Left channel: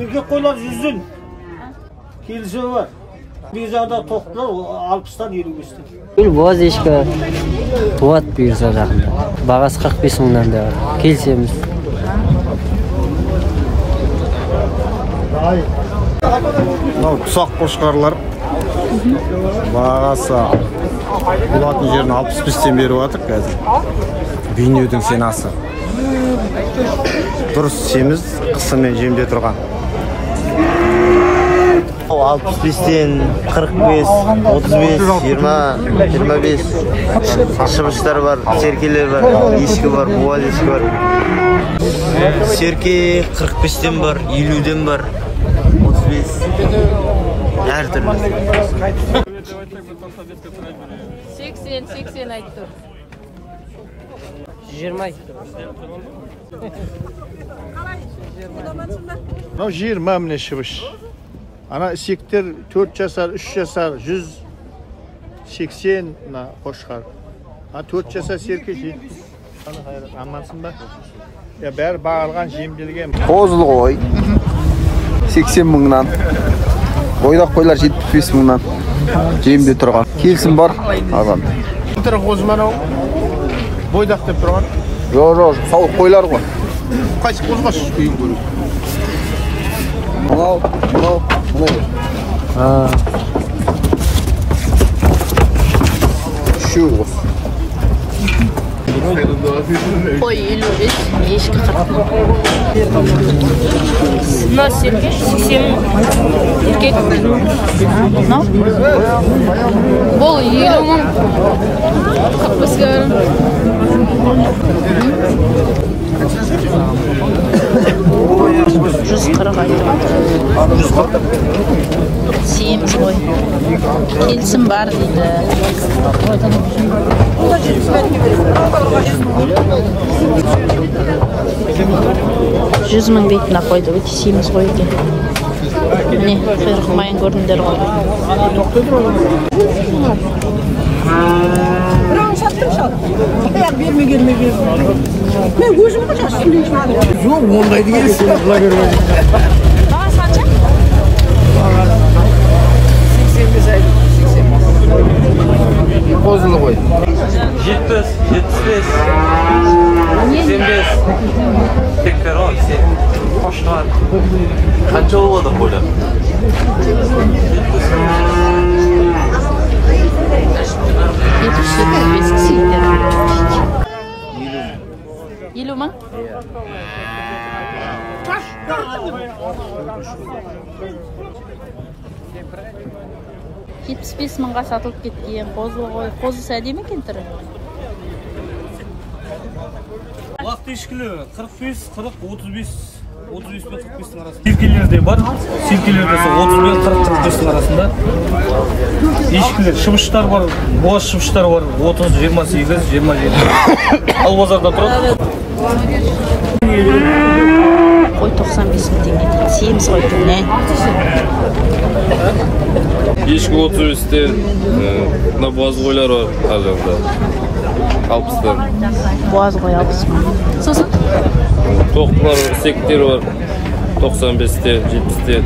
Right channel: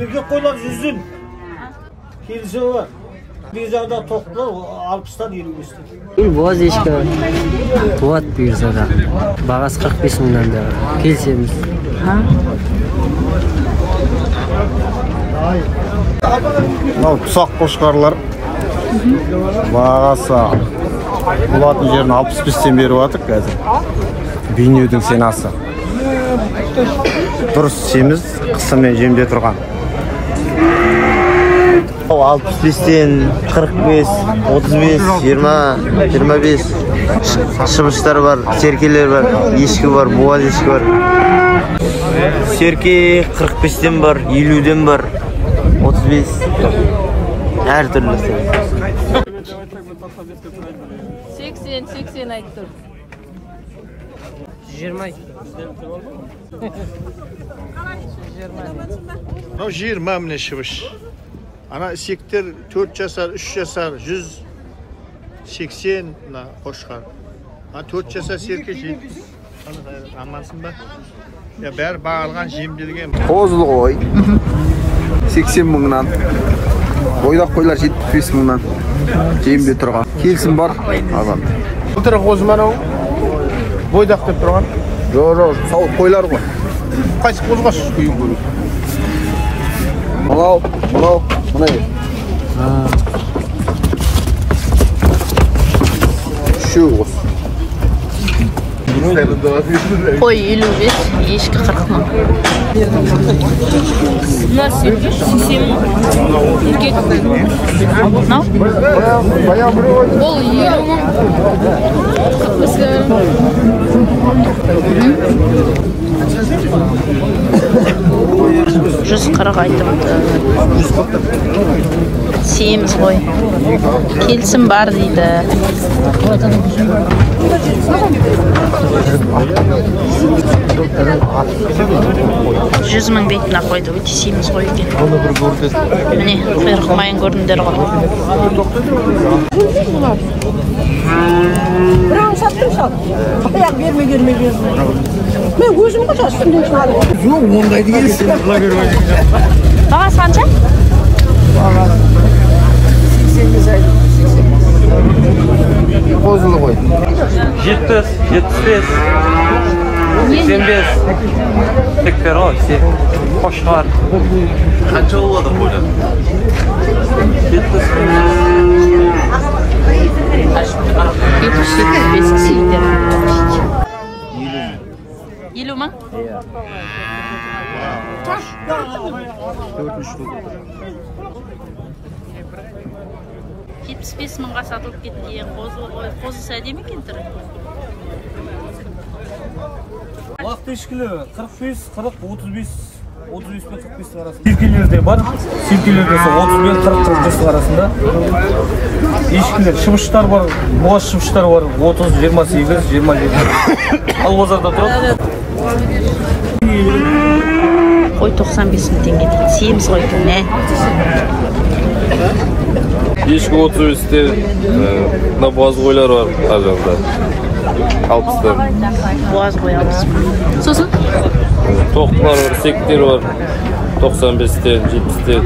Erkek koylar 100'ün. Kilisi var. Bir zada toplar 60'dan 25'ten. Bu boz eshki tuvat bir zada. Bag'asi 45 mingdan da var. Kelsemiz. Ha? Мынау құсақ қошқарлар бағасы болатын жерін 65-тен беріп жатыр қазір. Бейнеудің сенасы. Дұрыс семіз қысымен жемде тұрған. 65'ten 45, 35, 20, 25 şıbışlar var, serkeler var, eşki var, buval eşki var. Serke 45'ten var, 50'den var, 35 her türlü. 80 aytdım. 20 20 mine şıbış. Ana isekler 4 yaşar, 3 yaşar, 180 қошқар. 4 yaşar serke 70. Anlasın da. Ya bәрі bağırған жемделген. Қозыл қой. 80 мыңнан. Бойдақ қойлар 75 мыңнан. Жемде тұрған. Келсін бар. Ағам. Бұтыры қозы мынау. Бойдақ деп тұрған. Жоқ, сауыт қойлар ғой. Қайсы қозға шүшкей көру. Мынау. Şu olsun. Koy 55, ешкі 40 мың. Мына 80 мың. Еркек. Мынау? Бұл 50 мың. 140 айтыпты. Семіз ғой. Келсін бар дейді. 100 мың бетіне қойды, өте семіз ғой екен. Міне, құйрық майын көрдіңдер ғой. Бірауын саттым шал. Аяқ берме. Мен өзім қаша үстінде шығарым. Жоқ, ондайды келсін. Бағасы қанша? Бағасы 85 айды. Қозылы ғой. 70, 75, 85. Tekrar o, қошқар. Қанша болады қойдан? 50 мың? $75 мыңға сатылып кеткен қозы ғой. Қозы әдемі екен түрі. Лақ ешкілі 45, 40, 35 пен 45 арасында. Серкелерде бар. Серкелерде 30 пен 40-45 арасында. Ешкілер, шыбыштар бар, боз шыбыштар бар. 30, 28, 27. Ал базарда тұрады. Қой 95 мың теңге. Семіз ғой түріне. Ешкі 35'te, мына боз қойлар бар, аржағында. 60'dan. Boğaz boy 60 мың. Сосын? Тоқтылар бар, сектер бар. 95'ten, 70'ten.